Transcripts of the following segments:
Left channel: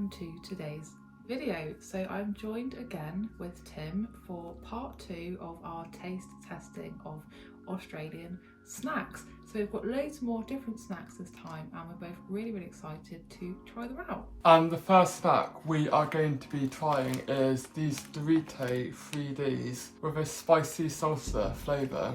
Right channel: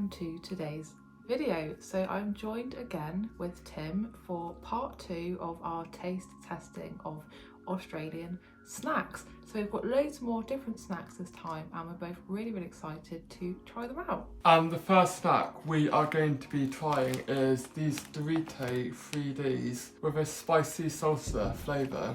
welcome to today's video. So I'm joined again with Tim for part 2 of our taste testing of Australian snacks. So we've got loads more different snacks this time and we're both really excited to try them out. And the first snack we are going to be trying is these Dorito 3Ds with a spicy salsa flavour.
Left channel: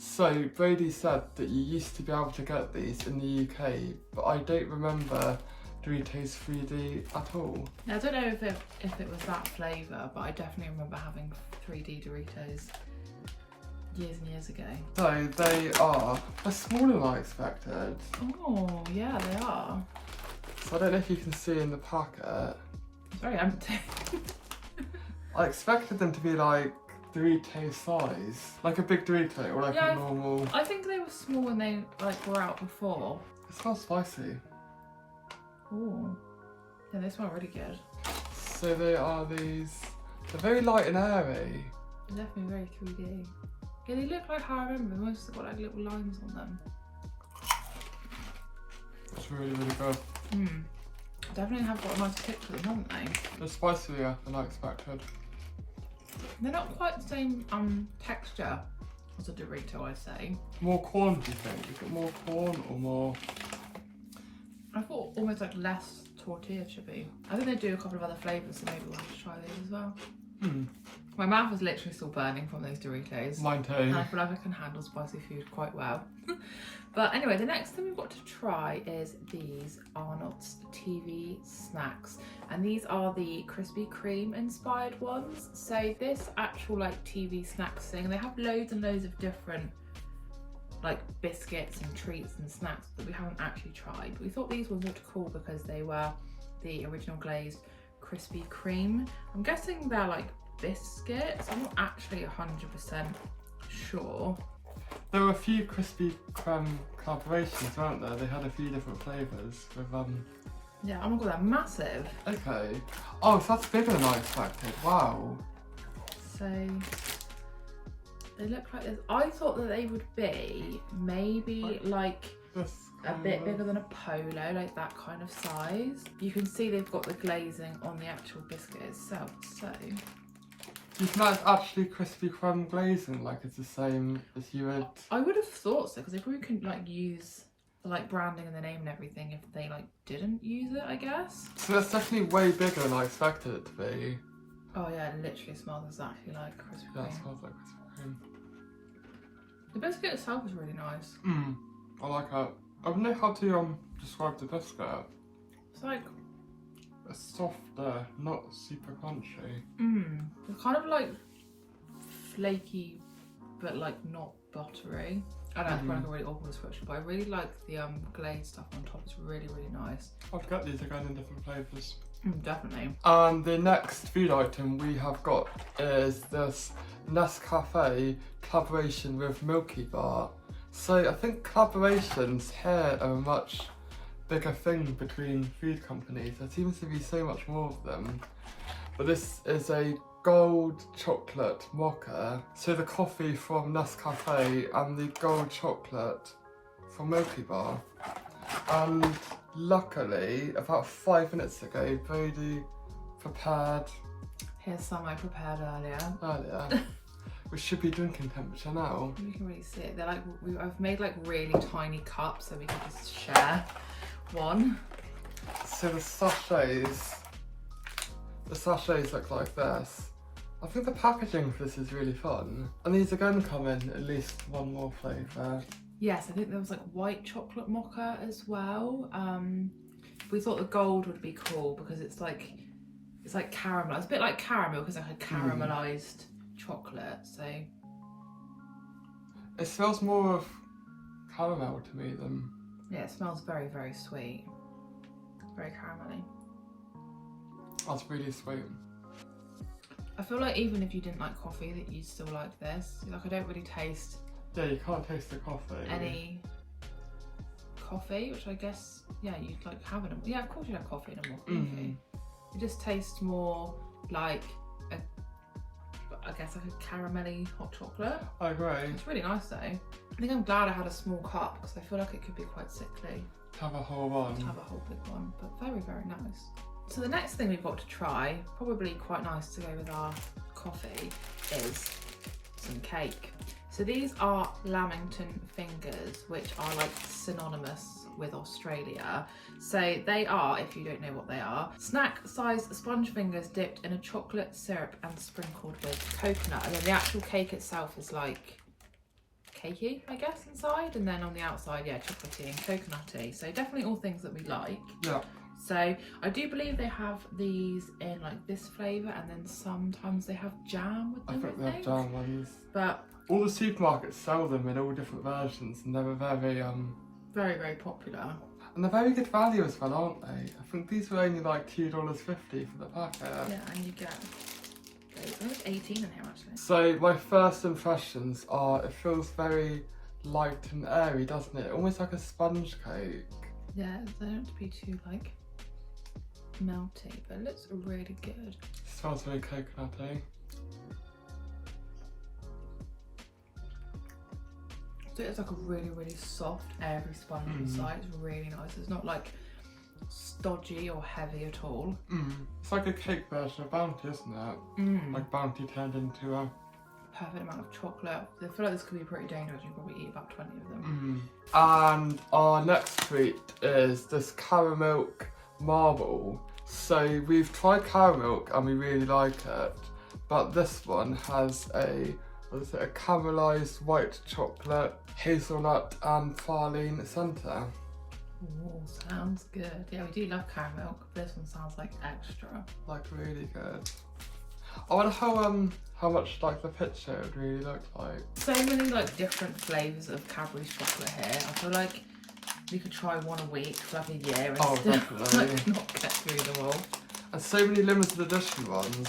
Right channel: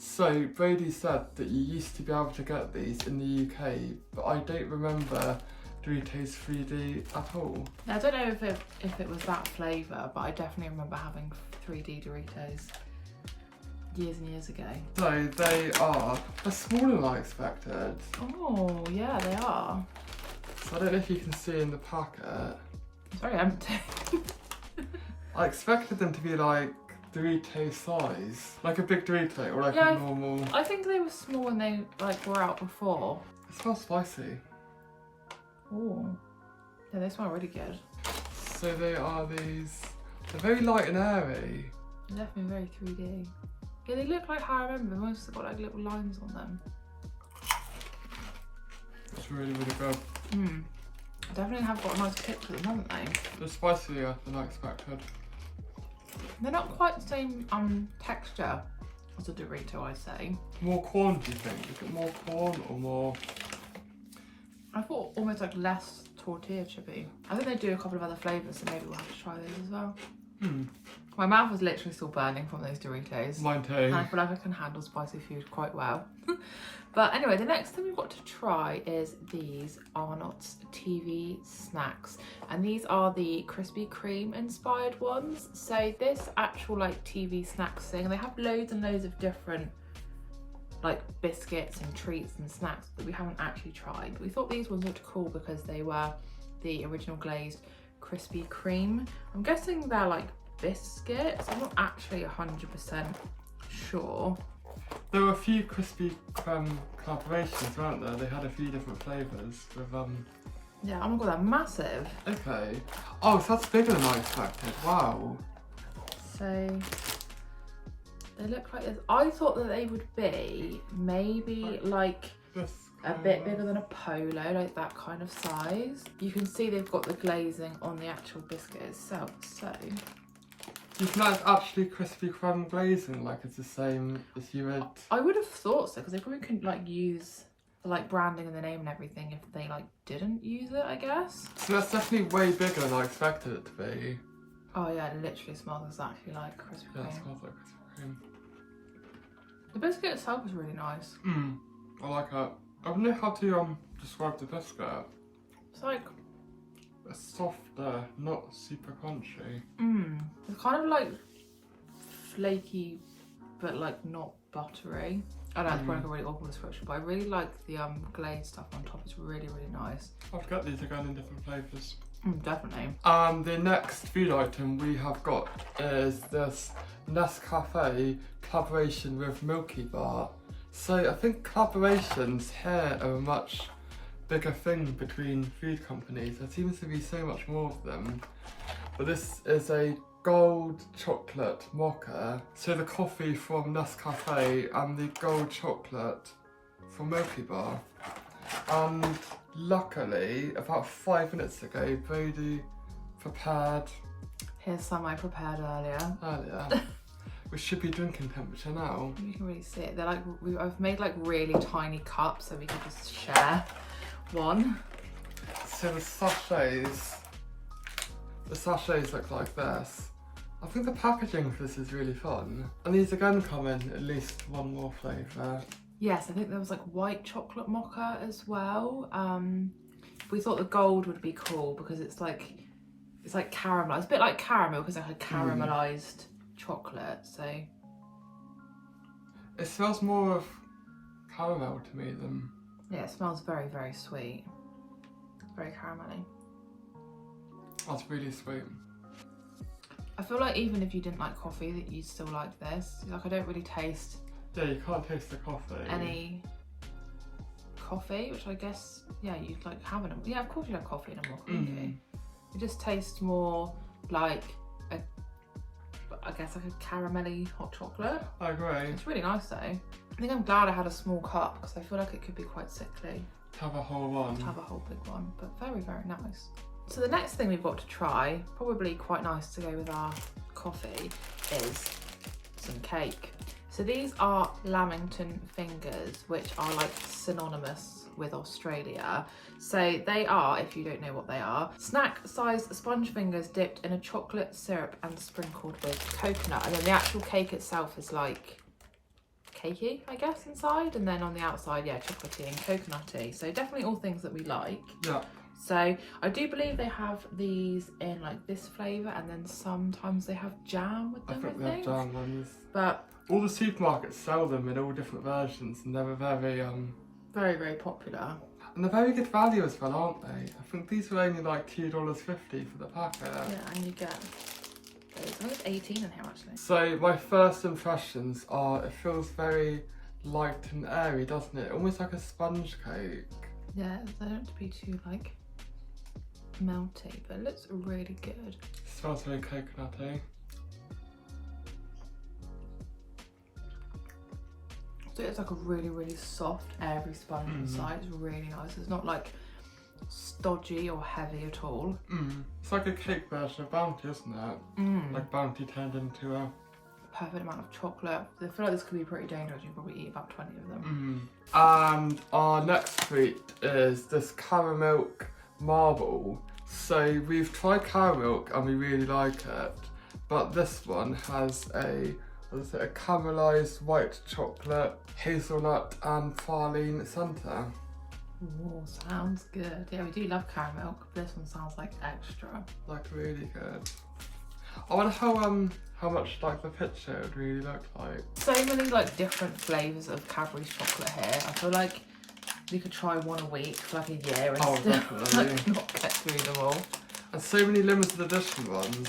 So Brodie said that you used to be able to get these in the UK, but I don't remember Doritos 3D at all. Now, I don't know if it was that flavour, but I definitely remember having 3D Doritos years and years ago. So they're smaller than I expected. Oh yeah, they are. So I don't know if you can see in the packet. It's very empty. I expected them to be like Dorito size, like a big Dorito or like a normal. I think they were small when they were out before. It smells spicy. Oh, yeah, they smell really good. So they are these. They're very light and airy. They're definitely very 3D. Yeah, they look like how I remember. Most have got like little lines on them. It's really good. Definitely have got a nice kick to them, haven't they? They're spicier than I expected. They're not quite the same texture as a Dorito, I say. More corn, do you think? You get more corn or more? I thought almost like less tortilla chippy. I think they do a couple of other flavours, so maybe we'll have to try those as well. My mouth is literally still burning from those Doritos. Mine too. And I feel like I can handle spicy food quite well. But anyway, the next thing we've got to try is these Arnott's TV snacks. And these are the Krispy Kreme inspired ones. So this actual like TV snacks thing, they have loads and loads of different like biscuits and treats and snacks that we haven't actually tried. We thought these ones looked cool because they were the original glazed Krispy Kreme. I'm guessing they're like biscuits. I'm not actually 100% sure. There were a few Krispy Kreme collaborations, weren't there? They had a few different flavours with Yeah, oh my god, they're massive. Okay. Oh, so that's bigger than I expected. Wow. So they look like this. I thought that they would be maybe like a bit bigger than a polo, like that kind of size. You can see they've got the glazing on the actual biscuit itself, so. You think that's actually Krispy Kreme glazing, like it's the same as you would? I would have thought so, because they probably couldn't like use the like branding and the name and everything if they like didn't use it, I guess. So that's definitely way bigger than I expected it to be. Oh yeah, it literally smells exactly like Krispy Kreme. Yeah, it smells like Krispy Kreme. The biscuit itself is really nice. I like it. I don't know how to describe the biscuit. It's like it's softer, not super crunchy. It's kind of like flaky, but like not buttery. I know it's probably like a really awful description, but I really like the glazed stuff on top. It's really nice. I'd get these again in different flavours. Definitely. The next food item we have got is this Nescafe collaboration with Milky bar. So I think collaborations here are a much bigger thing between food companies. There seems to be so much more of them. But this is a gold chocolate mocha. So the coffee from Nescafe and the gold chocolate from Milky bar. And luckily, about 5 minutes ago, Brodie prepared. Here's some I prepared earlier. We should be drinking temperature now. You can really see it. They're like, I've made like really tiny cups so we can just share one. So the sachets look like this. I think the packaging for this is really fun. And these again come in at least one more flavour. Yes, I think there was like white chocolate mocha as well. We thought the gold would be cool because it's like caramel. It's a bit like caramel because it's like a caramelised chocolate. So it smells more of caramel to me than. Yeah, it smells very sweet. Very caramelly. That's really sweet. I feel like even if you didn't like coffee, that you'd still like this. Like I don't really taste. Yeah, you can't taste the coffee. Any coffee, which I guess you'd like have in them. Yeah, of course you'd have coffee in a mocha. It just tastes more like I guess like a caramelly hot chocolate. I agree. It's really nice though. I think I'm glad I had a small cup because I feel like it could be quite sickly. To have a whole one. To have a whole big one, but very nice. So the next thing we've got to try, probably quite nice to go with our coffee, is some cake. So these are Lamington Fingers, which are like synonymous with Australia. So they are, if you don't know what they are, snack-sized sponge fingers dipped in a chocolate syrup and sprinkled with coconut. And then the actual cake itself is like cakey, I guess, inside. And then on the outside, yeah, chocolatey and coconutty. So definitely all things that we like. Yeah. So I do believe they have these in like this flavour, and then sometimes they have jam with them, I think they have jam ones. But all the supermarkets sell them in all different versions, and they're very, very popular. And they're very good value as well, aren't they? I think these were only like $2.50 for the packet. Yeah, and you get, I think it's 18 in here actually. So my first impressions are, it feels very light and airy, doesn't it? Almost like a sponge cake. Yeah, they don't be too like melty, but it looks really good. It smells very coconutty. So it's like a really, really soft, airy sponge inside. It's really nice. It's not like stodgy or heavy at all. It's like a cake version of Bounty, isn't it? Like Bounty turned into a perfect amount of chocolate. I feel like this could be pretty dangerous. You probably eat about 20 of them. And our next treat is this caramel marble. So we've tried caramel and we really like it, but this one has a caramelised white chocolate, hazelnut and praline centre. Oh, sounds good. Yeah, we do love caramel, but this one sounds like extra. Like really good. I wonder how much like the picture would really look like. So many like different flavours of Cadbury's chocolate here. I feel like we could try one a week for like a year and still like, not get through them all. And so many limited edition ones.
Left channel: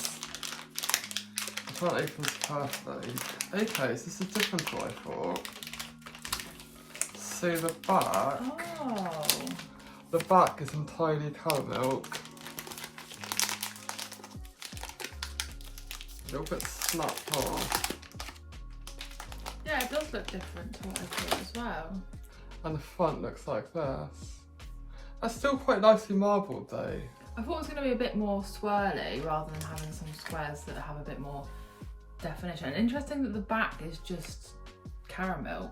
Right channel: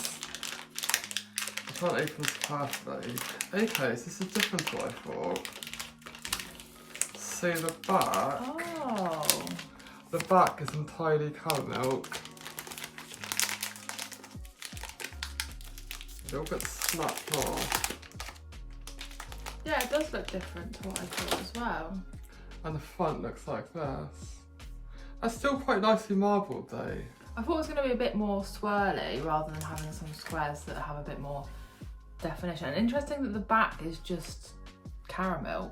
I can't open this carefully. Okay, so this is different to what I thought. So the back is entirely caramel. A little bit snapped off. Yeah, it does look different to what I thought as well. And the front looks like this. It's still quite nicely marbled though. I thought it was going to be a bit more swirly rather than having some squares that have a bit more definition. Interesting that the back is just caramel.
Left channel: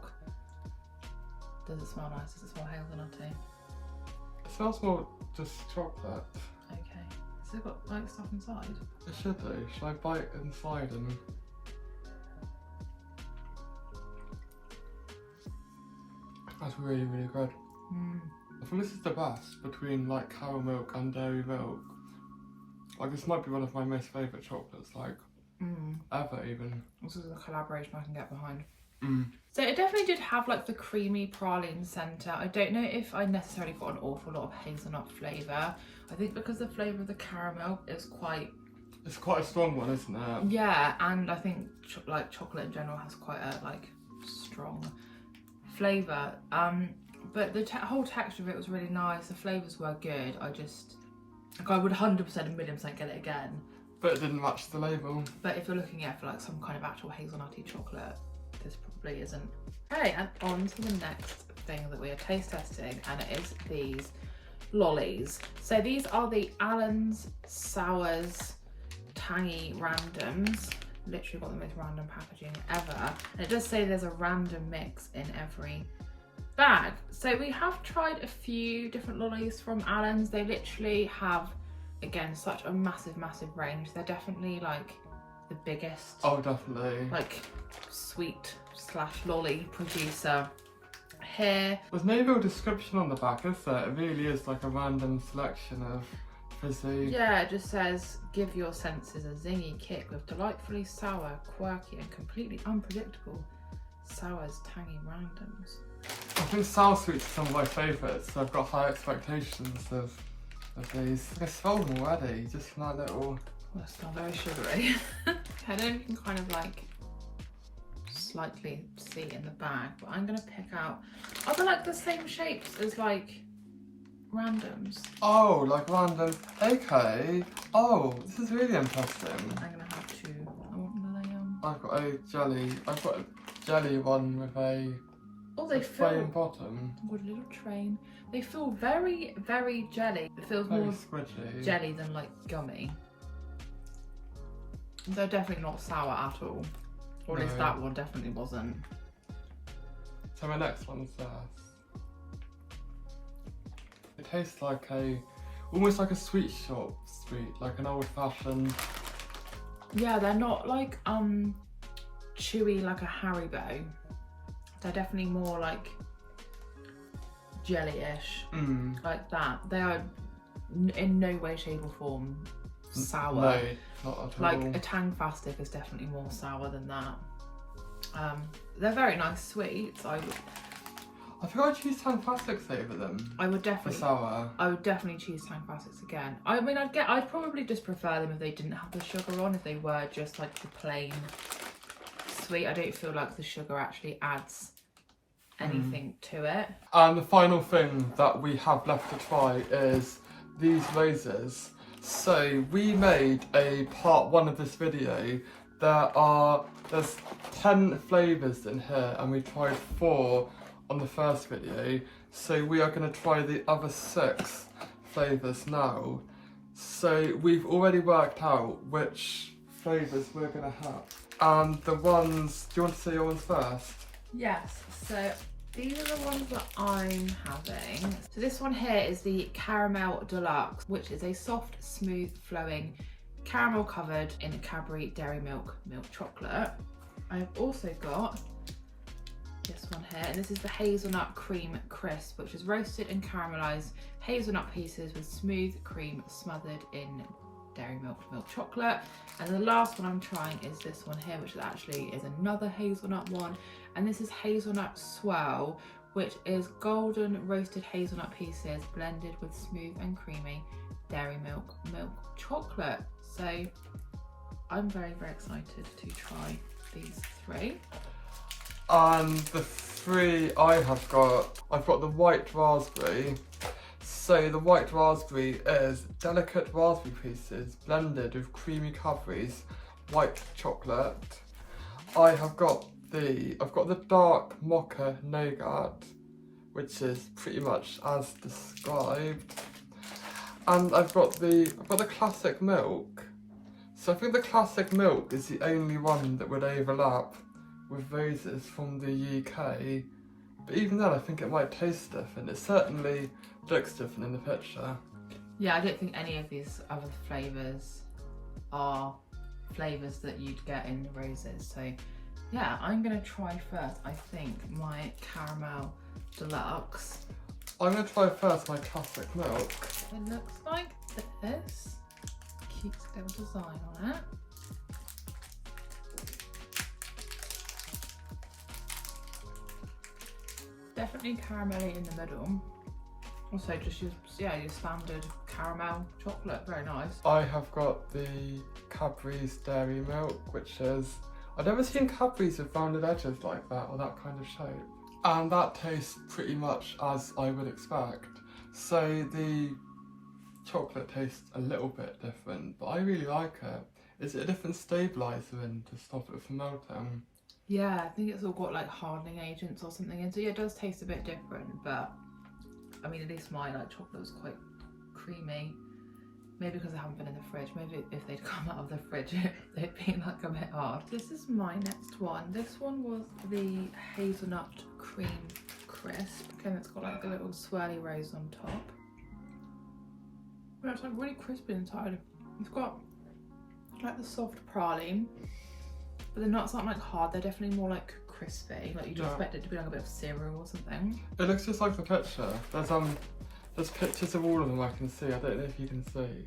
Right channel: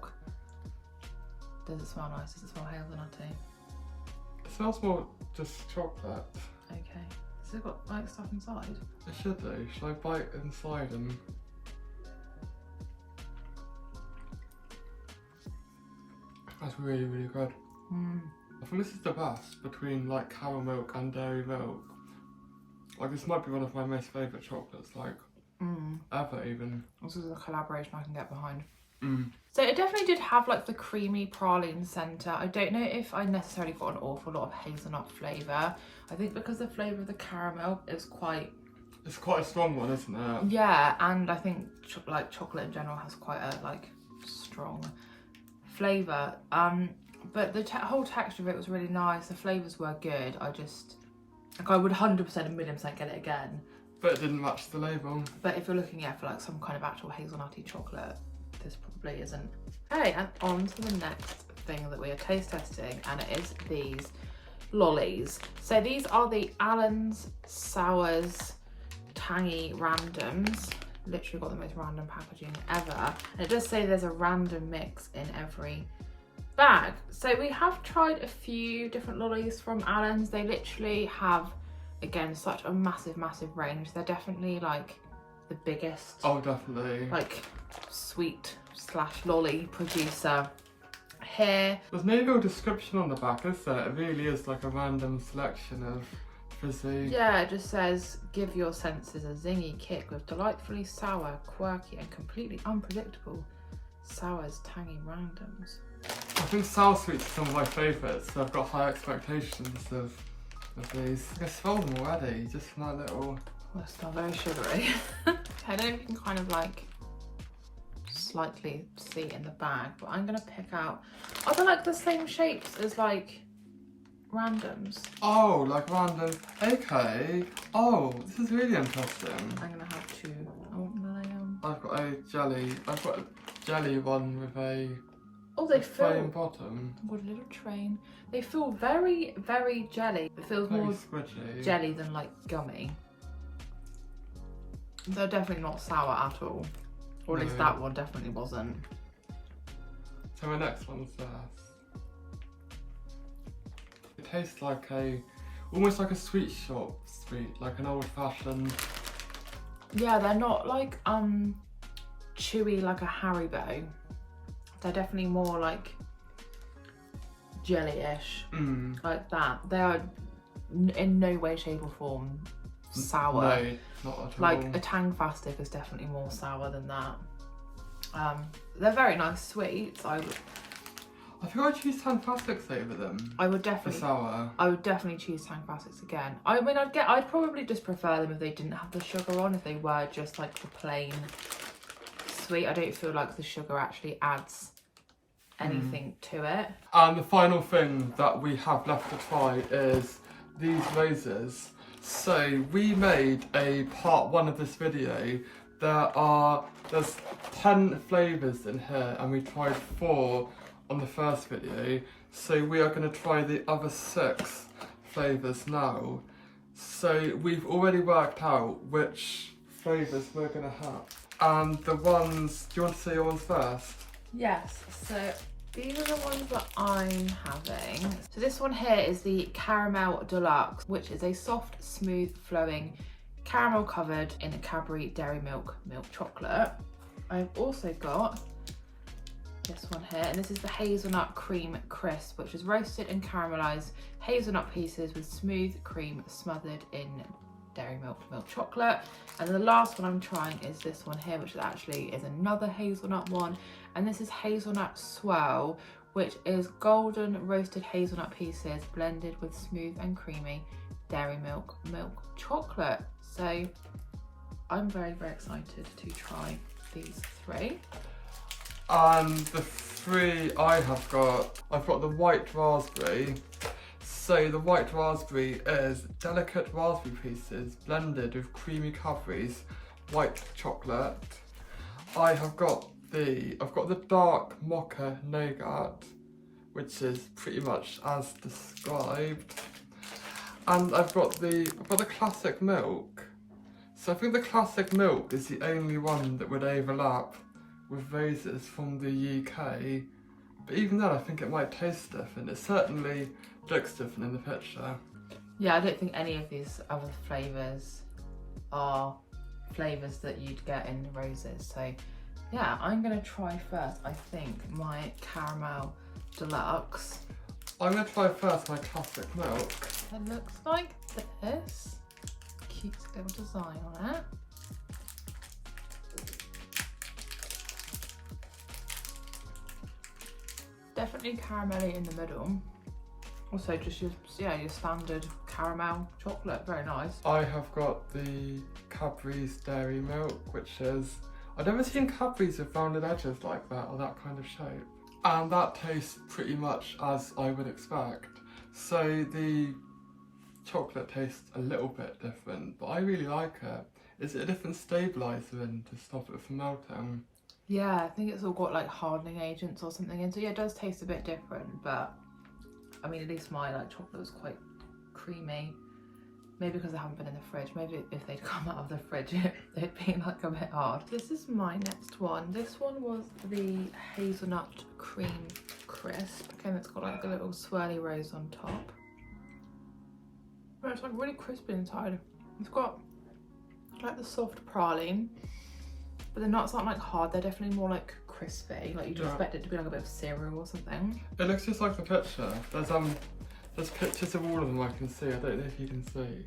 Does it smell nice? Does it smell hazelnutty? It smells more just chocolate. Okay. Has it got like stuff inside? It should do. Should I bite inside and... That's really, really good. I think this is the best between like caramel milk and dairy milk. Like this might be one of my most favourite chocolates, like ever even. This is a collaboration I can get behind. So it definitely did have like the creamy praline centre. I don't know if I necessarily got an awful lot of hazelnut flavour. I think because the flavour of the caramel is quite... It's quite a strong one, isn't it? Yeah, and I think like chocolate in general has quite a like strong flavour. But the whole texture of it was really nice. The flavours were good. I just, like I would 100% a million % get it again. But it didn't match the label. But if you're looking at for like some kind of actual hazelnutty chocolate, this probably isn't. Okay, and on to the next thing that we are taste testing, and it is these lollies. So these are the Allen's Sours Tangy Randoms. Literally got the most random packaging ever. And it does say there's a random mix in every bag. So we have tried a few different lollies from Allen's. They literally have, again, such a massive range. They're definitely like the biggest, oh definitely, like sweet / lolly producer here. There's no real description on the back, is there? It really is like a random selection of fizzy. Yeah, it just says give your senses a zingy kick with delightfully sour, quirky and completely unpredictable Sours Tangy Randoms. I think sour sweets are some of my favourites, so I've got high expectations of these. I smell them already, just from that little... Well, it's still very sugary. I don't know if you can kind of like slightly see it in the bag, but I'm going to pick out... Are they like the same shapes as like randoms? Oh, like random. Okay. Oh, this is really interesting. I'm going to have to... I've got a jelly one with a Oh, they feel... plain bottom. What a little train. They feel very, very jelly. It feels Very more squidgy. jelly than like gummy. They're definitely not sour at all. Or at least that one definitely wasn't. So my next one's this. It tastes like almost like a sweet shop sweet, like an old fashioned. Yeah, they're not like chewy like a Haribo. They're definitely more like jelly-ish, like that. They are in no way, shape or form sour. No, not at all. Like a Tangfastic is definitely more sour than that. They're very nice sweets. I think I'd choose Tangfastics over them. I would definitely. For sour. I would definitely choose Tangfastics again. I mean, I'd probably just prefer them if they didn't have the sugar on. If they were just like the plain sweet, I don't feel like the sugar actually adds anything to it. And the final thing that we have left to try is these roses. So we made a part 1 of this video. There's 10 flavours in here and we tried 4 on the first video. So we are going to try the other 6 flavours now. So we've already worked out which flavours we're going to have. And the ones, do you want to say your ones first? Yes, so these are the ones that I'm having. So this one here is the Caramel Deluxe, which is a soft, smooth, flowing caramel covered in a Cadbury dairy milk chocolate. I've also got this one here, and this is the Hazelnut Cream Crisp, which is roasted and caramelized hazelnut pieces with smooth cream smothered in dairy milk chocolate. And the last one I'm trying is this one here, which actually is another hazelnut one, and this is Hazelnut Swirl, which is golden roasted hazelnut pieces blended with smooth and creamy dairy milk chocolate. So I'm very, very excited to try these 3. And the 3 I've got the white raspberry. So the white raspberry is delicate raspberry pieces blended with creamy Cadbury's white chocolate. I've got the dark mocha nougat, which is pretty much as described. And I've got the classic milk. So I think the classic milk is the only one that would overlap with roses from the UK. But even then I think it might taste different. It certainly looks different in the picture. Yeah, I don't think any of these other flavours are flavours that you'd get in roses. So yeah, I'm going to try first, I think, my Caramel Deluxe. I'm going to try first my classic milk. It looks like this. Cute little design on it. Definitely caramelly in the middle. Also just your standard caramel chocolate, very nice. I have got the Cadbury's dairy milk, which is, I've never seen Cadbury's with rounded edges like that or that kind of shape. And that tastes pretty much as I would expect. So the chocolate tastes a little bit different, but I really like it. Is it a different stabiliser in to stop it from melting? Yeah, I think it's all got like hardening agents or something in. So yeah, it does taste a bit different, but I mean, at least my chocolate was quite creamy. Maybe because I haven't been in the fridge. Maybe if they'd come out of the fridge, they'd be like a bit hard. This is my next one. This one was the Hazelnut Cream Crisp. Again, it's got like the little swirly rose on top. It's like really crispy inside. It's got like the soft praline, but the nuts aren't like hard. They're definitely more like crispy. Like you'd expect it to be like a bit of cereal or something. It looks just like the picture. There's pictures of all of them I can see. I don't know if you can see.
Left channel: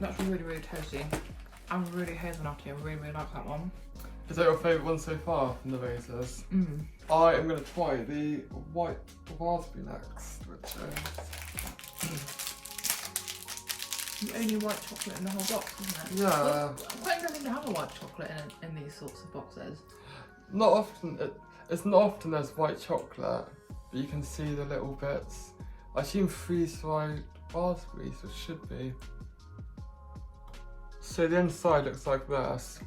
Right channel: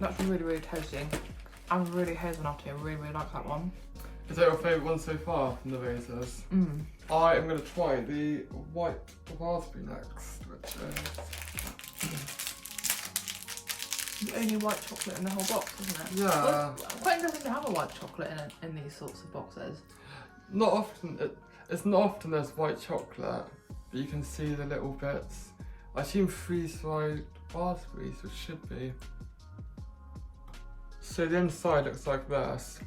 That's really, really tasty. I'm really hazelnutty. I really, really like that one. Is that your favourite one so far from the roses? I am going to try the white raspberry next, which is the only white chocolate in the whole box, isn't it? Yeah. It's quite interesting to have a white chocolate in these sorts of boxes. Not often. It's not often there's white chocolate, but you can see the little bits. I assume freeze-dried raspberries, which should be. So the inside looks like this.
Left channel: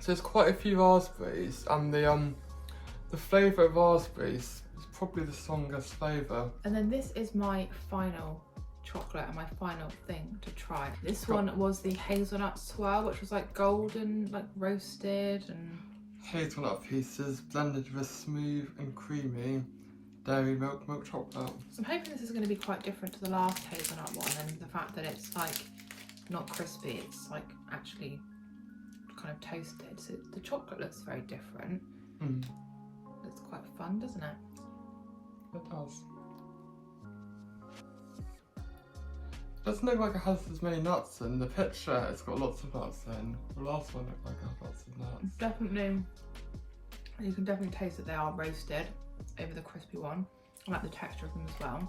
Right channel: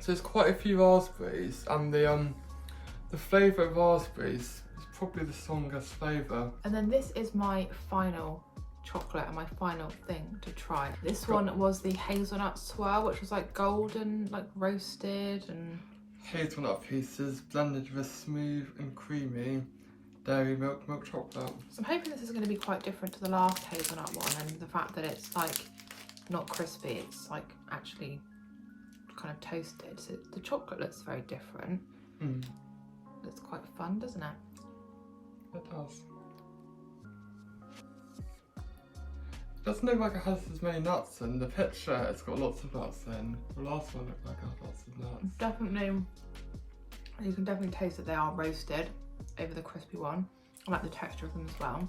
So there's quite a few raspberries, and the The flavour of raspberries is probably the strongest flavour. And then this is my final chocolate and my final thing to try. This one was the Hazelnut Swirl, which was like golden, like roasted and... Hazelnut pieces blended with smooth and creamy dairy milk chocolate. So I'm hoping this is going to be quite different to the last hazelnut one, and the fact that it's like not crispy, it's like actually kind of toasted. So the chocolate looks very different. It's quite fun, doesn't it? It does. It doesn't look like it has as many nuts in the picture. It's got lots of nuts in. The last one looked like it had lots of nuts. Definitely, you can definitely taste that they are roasted over the crispy one. I like the texture of them as well.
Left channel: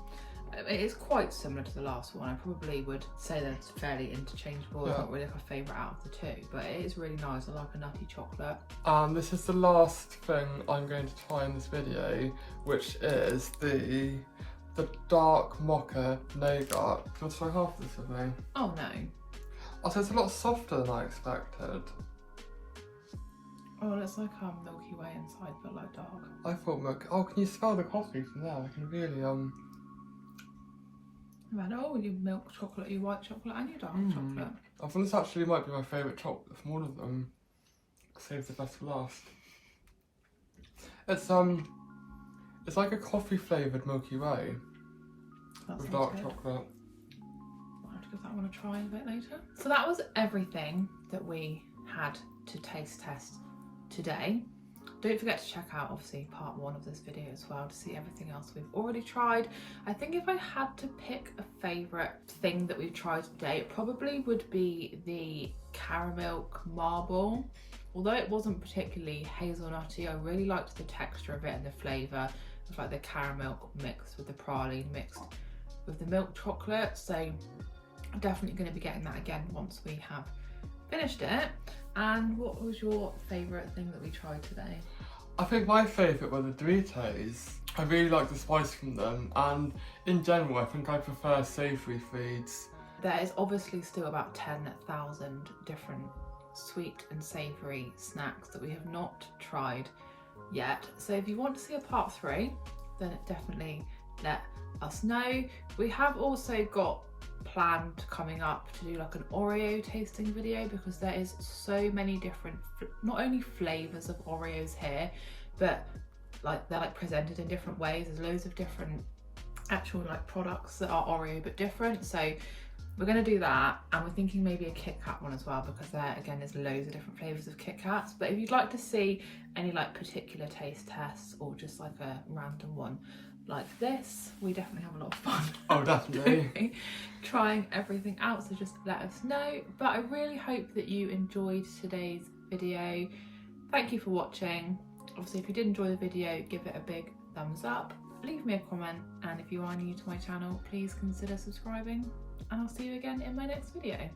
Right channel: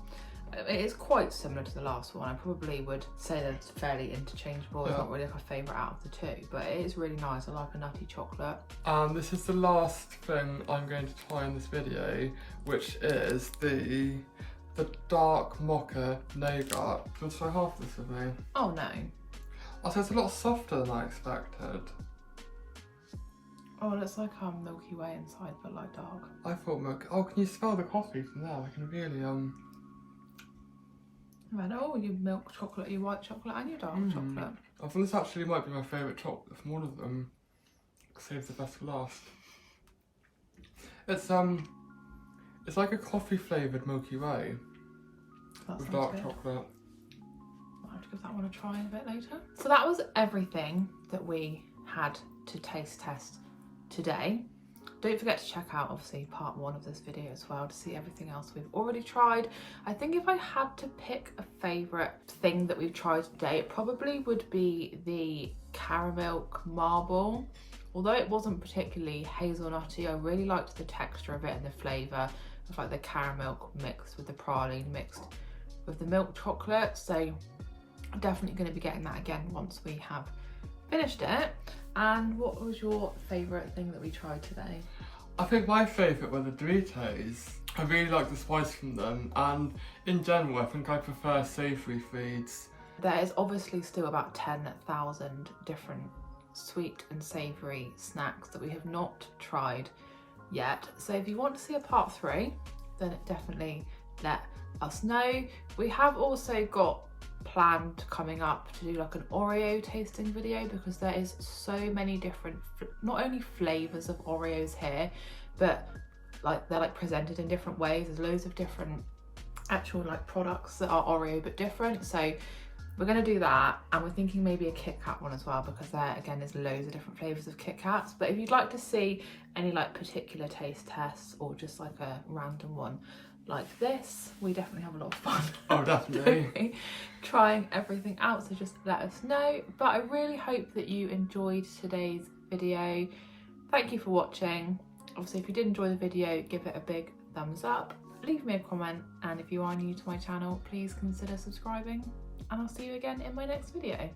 It is quite similar to the last one. I probably would say that it's fairly interchangeable. It's not really like a favourite out of the two, but it is really nice. I like a nutty chocolate. And this is the last thing I'm going to try in this video, which is the dark mocha nougat. Do you want to try half this with me? Oh no. Oh, so it's a lot softer than I expected. Oh, it's like Milky Way inside, but like dark. I thought milk. Oh, can you smell the coffee from there? I can really Oh, your milk chocolate, your white chocolate, and your dark chocolate. I thought this actually might be my favourite chocolate from all of them. Save the best for last. It's like a coffee flavoured Milky Way with dark chocolate. I'll have to give that one a try a bit later. So that was everything that we had to taste test today. Don't forget to check out obviously part 1 of this video as well to see everything else we've already tried. I think if I had to pick a favourite thing that we've tried today, it probably would be the caramel marble. Although it wasn't particularly hazelnutty, I really liked the texture of it and the flavour of like the caramel mixed with the praline mixed with the milk chocolate. So I'm definitely going to be getting that again once we have finished it. And what was your favourite thing that we tried today? I think my favourite were the Doritos. I really like the spice from them, and in general I think I prefer savoury foods. There is obviously still about 10,000 different sweet and savoury snacks that we have not tried yet. So if you want to see a part 3, then definitely let us know. We have also got planned coming up to do like an Oreo tasting video, because there is so many different not only flavors of Oreos here, but like they're like presented in different ways. There's loads of different actual like products that are Oreo but different, so we're going to do that. And we're thinking maybe a Kit Kat one as well, because there again there's loads of different flavors of Kit Kats. But if you'd like to see any like particular taste tests or just like a random one like this, we definitely have a lot of fun. Oh, definitely. Trying everything out, so just let us know. But I really hope that you enjoyed today's video. Thank you for watching. Obviously, if you did enjoy the video, give it a big thumbs up, leave me a comment, and if you are new to my channel, please consider subscribing, and I'll see you again in my next video.